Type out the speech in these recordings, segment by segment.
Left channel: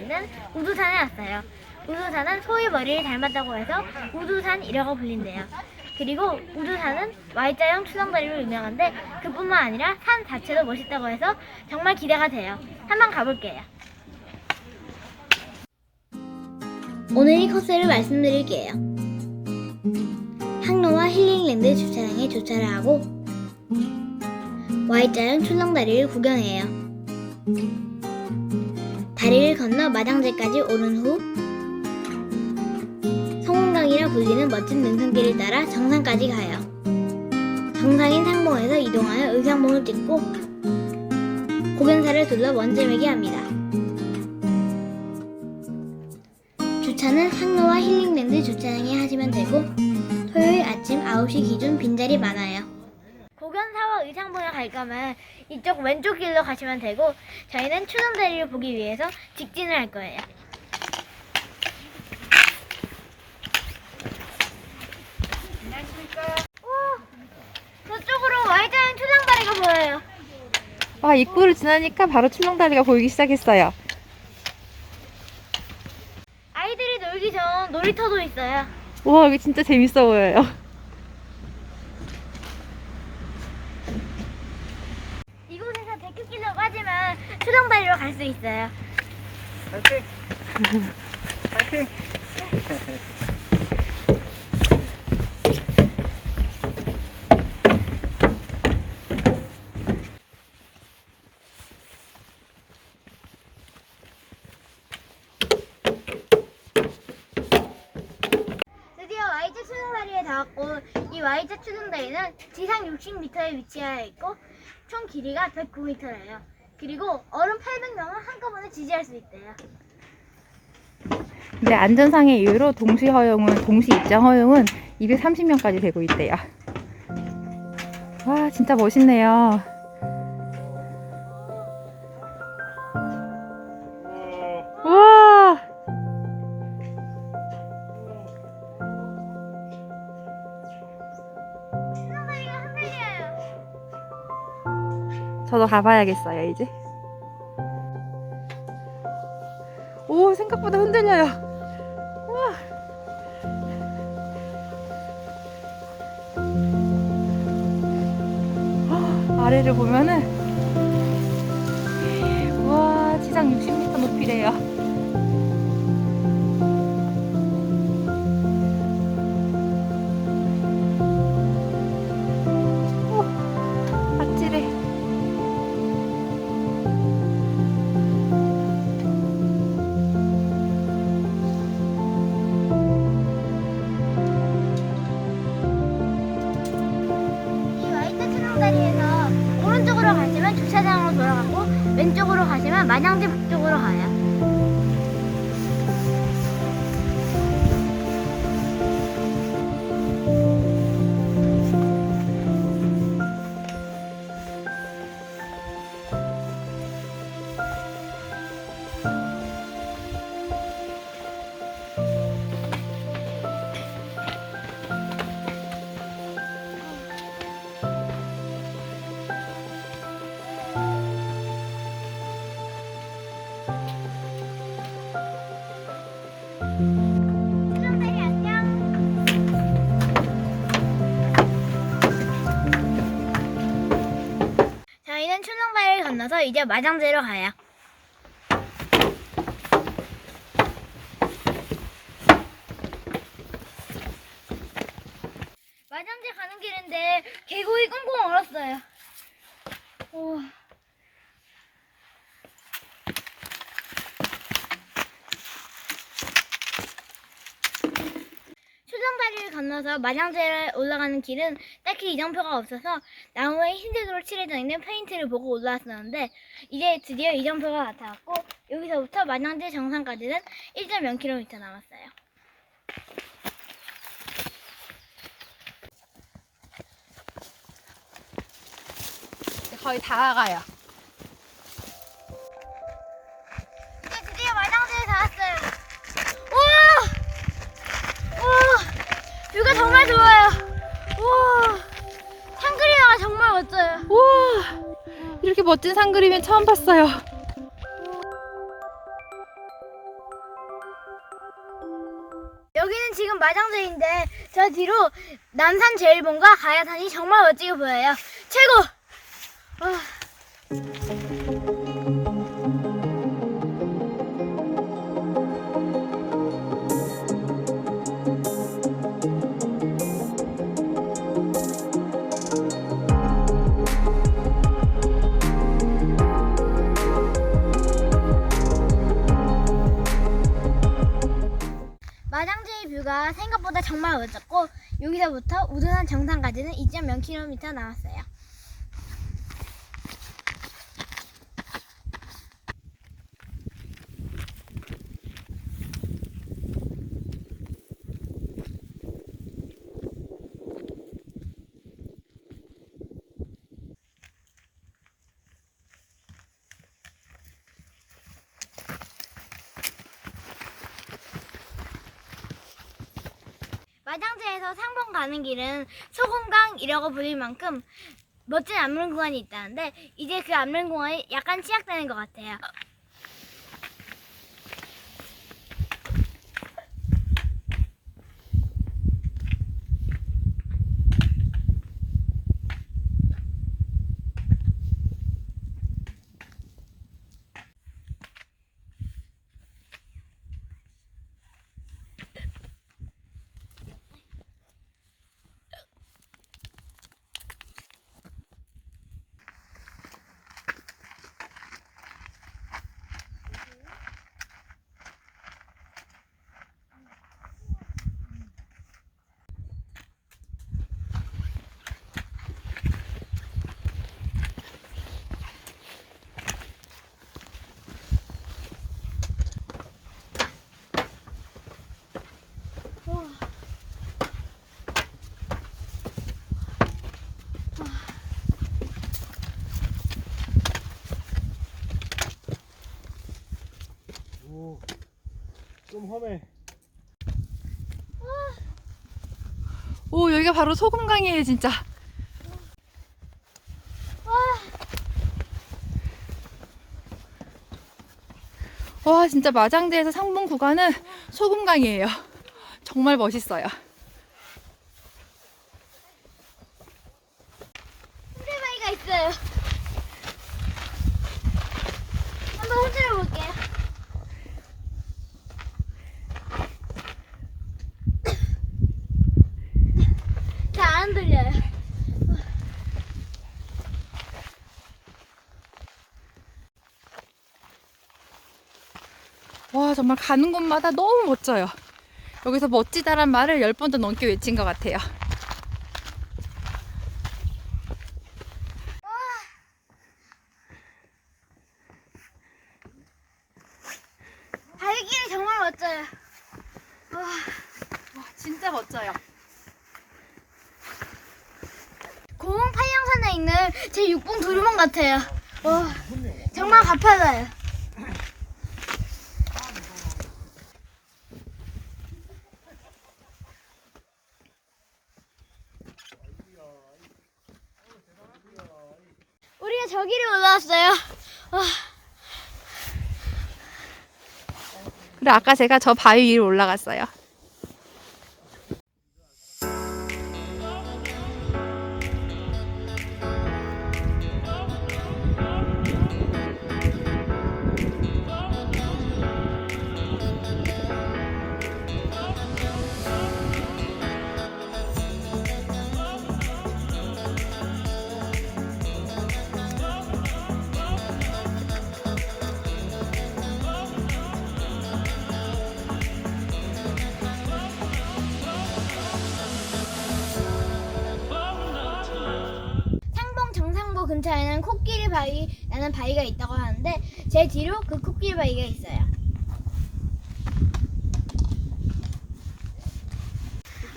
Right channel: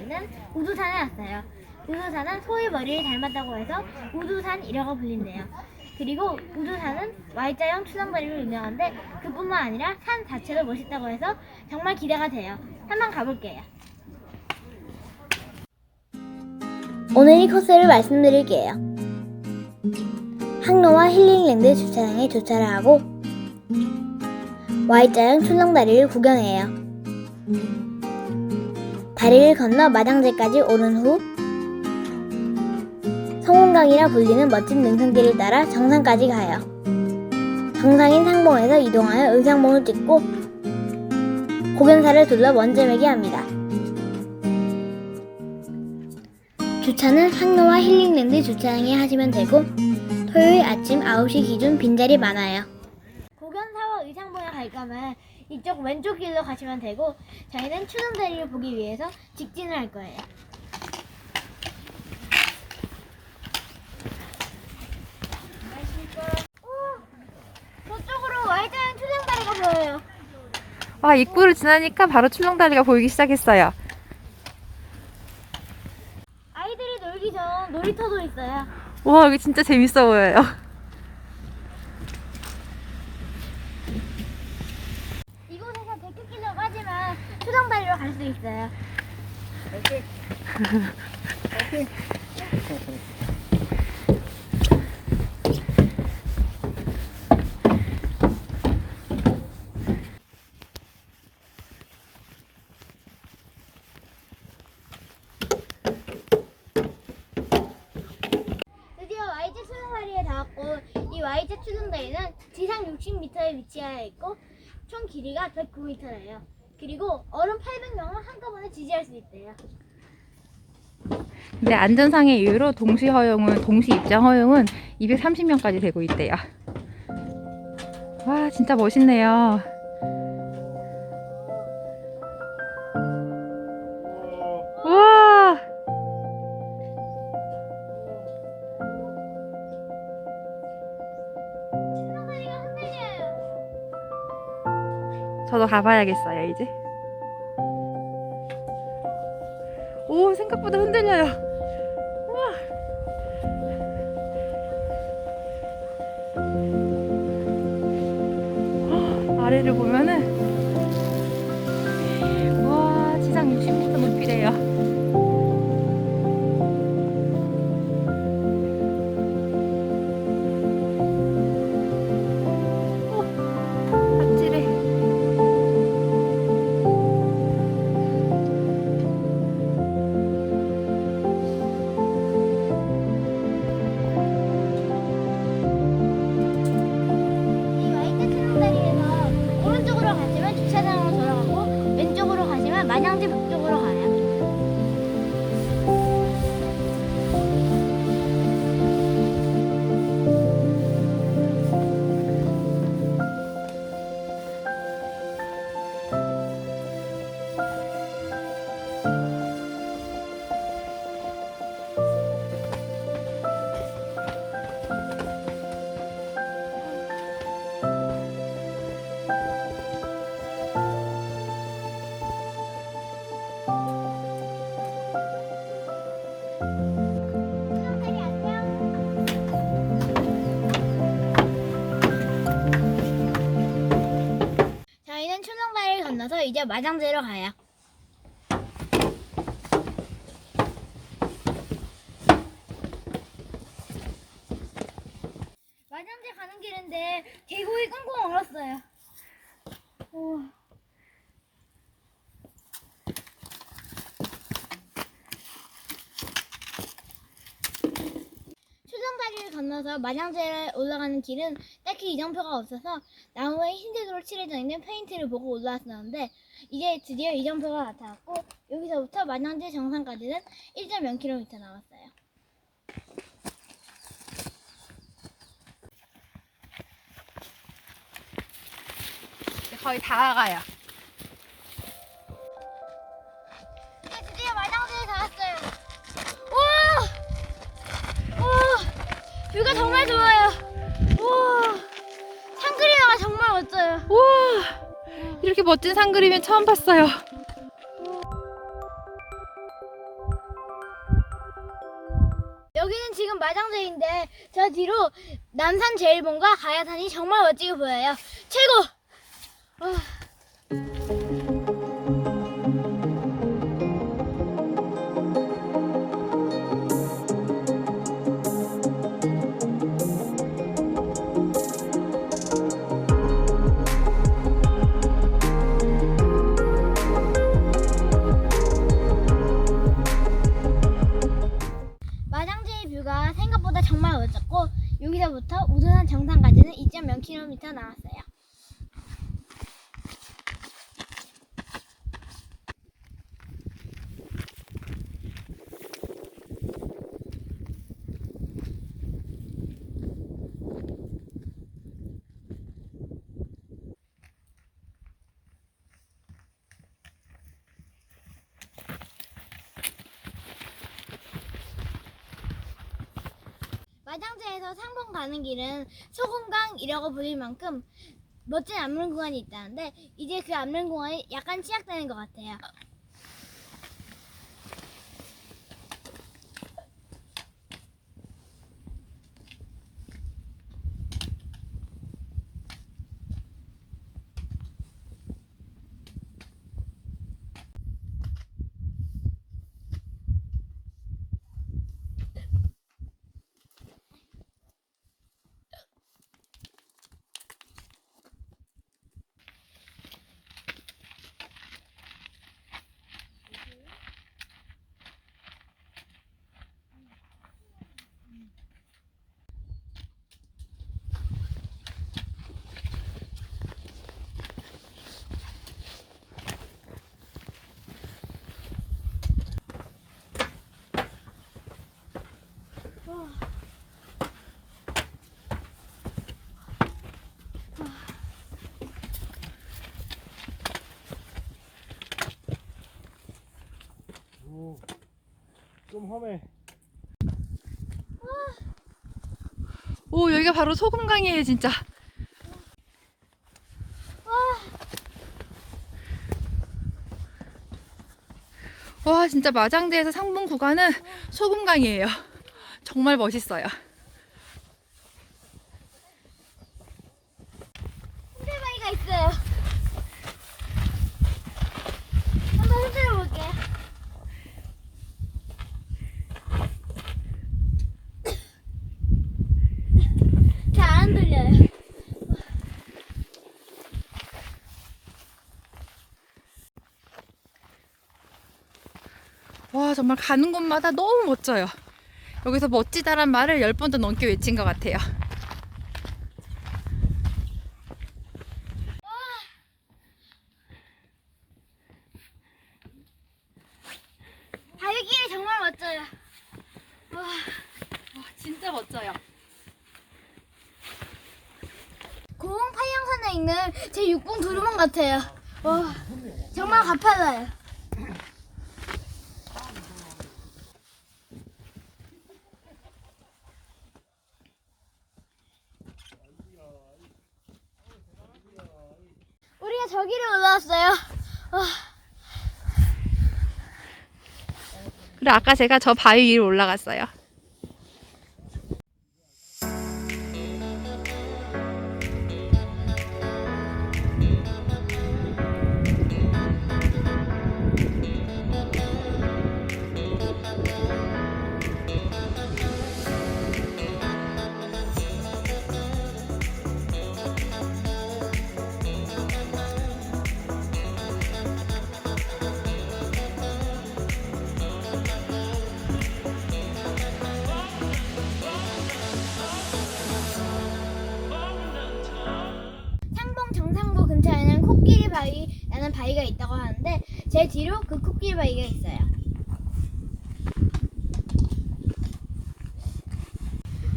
있는 우두산에 왔어요. 우두산은 소의 머리를 닮았다고 해서 우두산이라고 불린대요. 그리고 우두산은 Y자형 출렁다리로 유명한데 그뿐만 아니라 산 자체도 멋있다고 해서 정말 기대가 돼요. 한번 가볼게요. 오늘 이 코스를 말씀드릴게요. 항로와 힐링랜드 주차장에 주차를 하고 Y자형 출렁다리를 구경해요. 다리를 건너 마당제까지 오른 후 성원강이라 불리는 멋진 능선길을 따라 정상까지 가요. 정상인 상봉에서 이동하여 의상봉을 찍고 고변사를 둘러 원점에게 합니다. 주차는 항로와 힐링랜드 주차장에 하시면 되고 토요일 아침 9시 기준 빈자리 많아요. 고견사와 의상봉에 갈 거면 이쪽 왼쪽 길로 가시면 되고 저희는 추정다리를 보기 위해서 직진을 할 거예요. 오, 저쪽으로 Y자형 추정다리가 보여요. 와, 입구를 지나니까 바로 출렁다리가 보이기 시작했어요. 아이들이 놀기 전 놀이터도 있어요. 와, 여기 진짜 재밌어 보여요. 이곳에서 데크길로 빠지면 추정다리로 갈 수 있어요. 드디어 Y자 추정다리에 닿았고 이 Y자 추정다리는 지상 60m에 위치하여 있고 총 길이가 109m예요. 그리고 어른 800명을 한꺼번에 지지할 수 있대요. 근데 안전상의 이유로 동시 허용은, 동시 입장 허용은 230명까지 되고 있대요. 와, 진짜 멋있네요. 저도 가봐야겠어요, 이제. 헉, 아래를 보면은, 저희는 출렁다리를 건너서 이제 마장제로 가요. 마장제 가는 길인데 계곡이 꽁꽁 얼었어요. 오. 출렁다리를 건너서 마장제에 올라가는 길은 딱히 이정표가 없어서 나무에 흰색으로 칠해져 있는 페인트를 보고 올라왔었는데 이제 드디어 이정표가 나타났고 여기서부터 마장제 정상까지는 1.0km 남았어요. 거의 다 가요. 뷰가 정말 좋아요. 우와. 산그림이가 정말 멋져요. 우와. 이렇게 멋진 산그림은 처음 봤어요. 여기는 지금 마장제인데 저 뒤로 남산 제일봉과 가야산이 정말 멋지게 보여요. 최고! 와. 여기서부터 우둔산 정상까지는 2.0km 나왔어요. 마장제에서 상봉 가는 길은 소금강이라고 불릴 만큼 멋진 암릉 구간이 있다는데 이제 그 암릉 구간이 약간 시작되는 것 같아요. 오, 좀 험해. 오 여기가 바로 소금강이에요 진짜. 와 진짜 마장대에서 상봉 구간은 소금강이에요. 정말 멋있어요. 흔들바위가 있어요. 한번 흔들어 볼게요. 잘 와 정말 가는 곳마다 너무 멋져요. 여기서 멋지다란 말을 열 번도 넘게 외친 것 같아요. 바위길이 정말 멋져요. 와, 와 진짜 멋져요. 고흥 팔령산에 있는 제 6봉 두루몽 와, 정말 가파져요. 우리가 저기로 올라왔어요. 와, 그래 아까 제가 저 바위 위로 올라갔어요. 근처에는 코끼리 바위라는 바위가 있다고 하는데 제 뒤로 그 코끼리 바위가 있어요.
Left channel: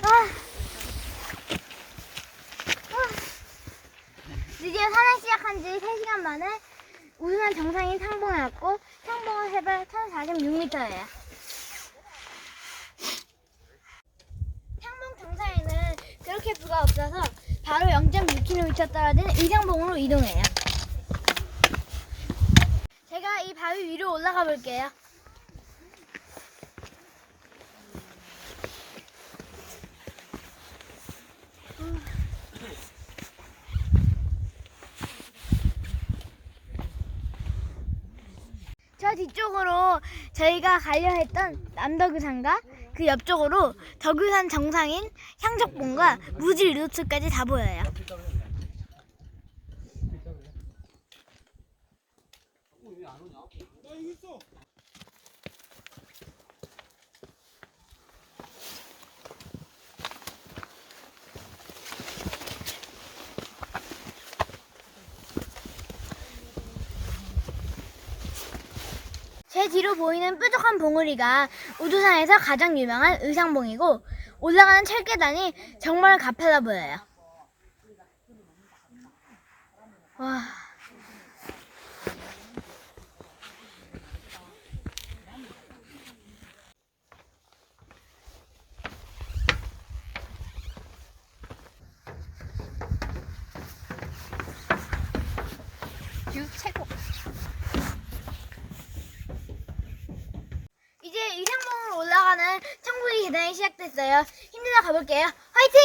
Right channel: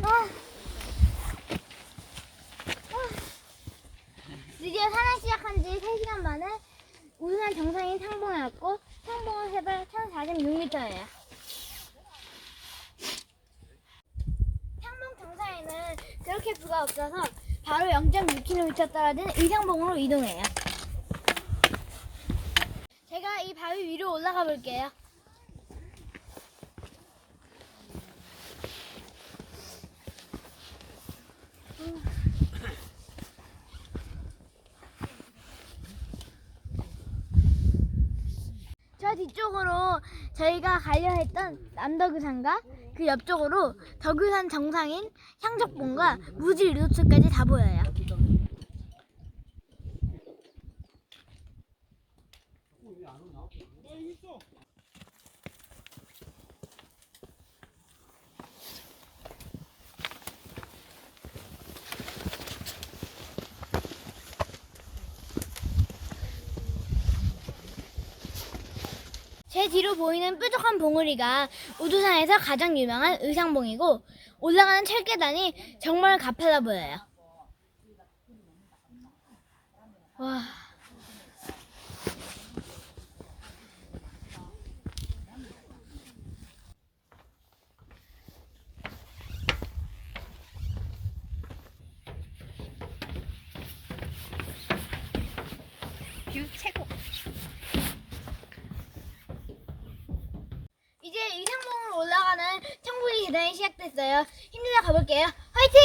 아. 아. 드디어 산을 시작한 지 3시간 만에 우승한 정상인 상봉에 왔고 상봉은 해발 1046m예요. 상봉 정상에는 그렇게 뷰가 없어서 바로 0.6km 떨어진 의상봉으로 이동해요. 제가 이 바위 위로 올라가 볼게요. 저 뒤쪽으로 저희가 가려 했던 남덕유산과 그 옆쪽으로 덕유산 정상인 향적봉과 무지 리조트까지 다 보여요. 제 뒤로 보이는 뾰족한 봉우리가 우두산에서 가장 유명한 의상봉이고 올라가는 철계단이 정말 가파라 보여요. 와. 뷰 최고. 이제 의상봉으로 올라가는 천국의 계단이 시작됐어요. 힘내서 가볼게요. 화이팅!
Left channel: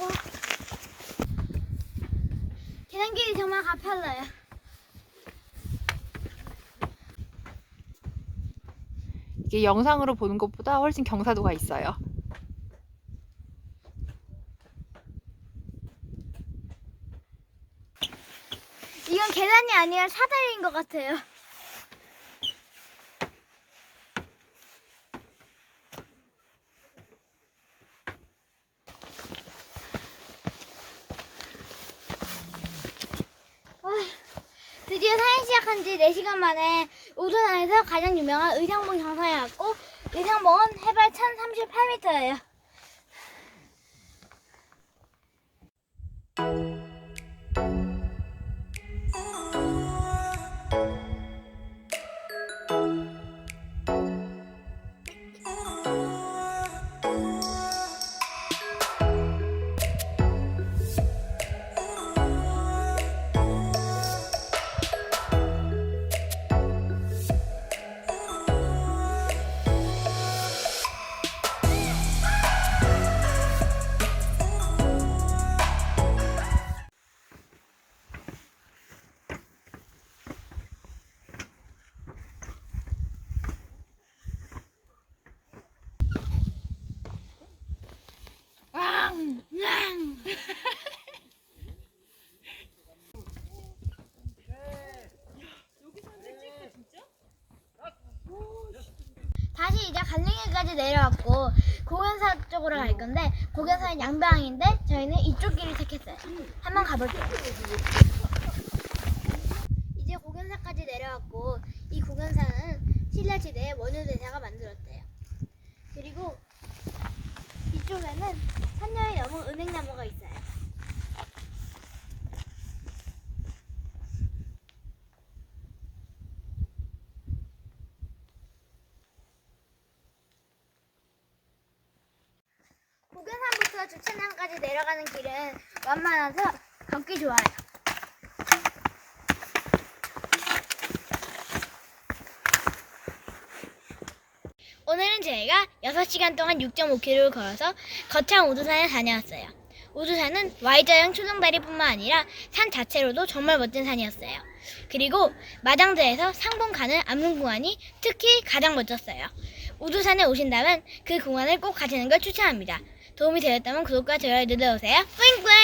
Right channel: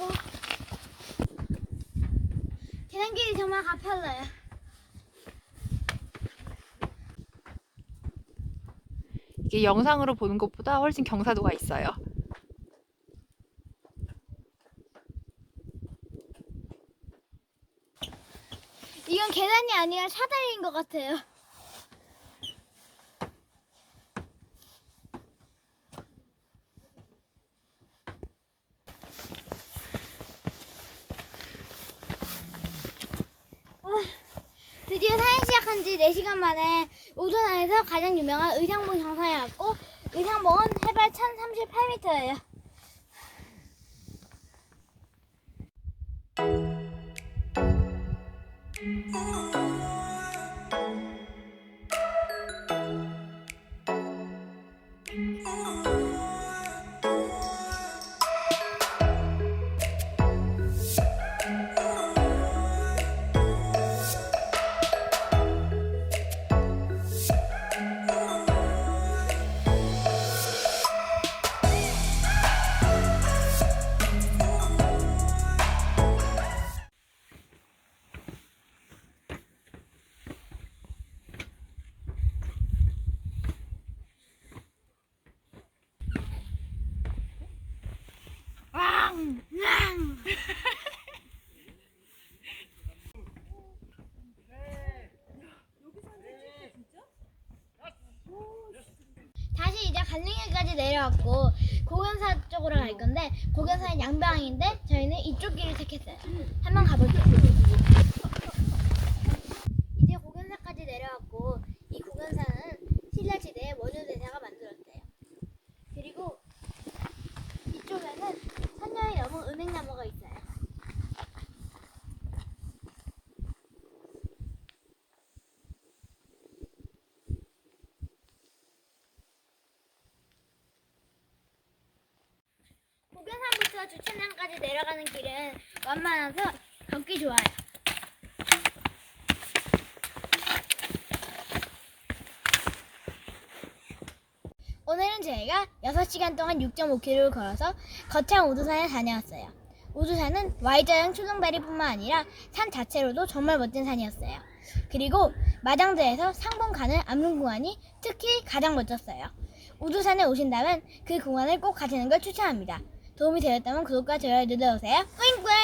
와. 계단길이 정말 가팔라요. 이게 영상으로 보는 것보다 훨씬 경사도가 있어요. 이건 계단이 아니라 사다리인 것 같아요. 아, 드디어 사행 시작한 지 4시간 만에 우둔안에서 가장 유명한 의상봉 정상에 왔고 의상봉은 해발 1038m예요. 다시 이제 갈링이까지 내려왔고 고견사 쪽으로 갈 건데 고견사는 양방인데 저희는 이쪽 길을 택했어요. 한번 가볼게요. 이제 고견사까지 내려왔고 이 고견사는 신라시대의 원효대사가 만들었대요. 그리고 이쪽에는 산녀의 여문 은행나무가 있어요. 고견산부터 주차장까지 내려가는 길은 완만해서 걷기 좋아요. 오늘은 저희가 6시간 동안 6.5km를 걸어서 거창 우두산에 다녀왔어요. 우두산은 Y자형 초등다리뿐만 아니라 산 자체로도 정말 멋진 산이었어요. 그리고 마장대에서 상봉 가는 암릉공원이 특히 가장 멋졌어요. 우두산에 오신다면 그 공원을 꼭 가시는 걸 추천합니다. 도움이 되었다면 구독과 좋아요 눌러주세요. 뿌잉뿌잉!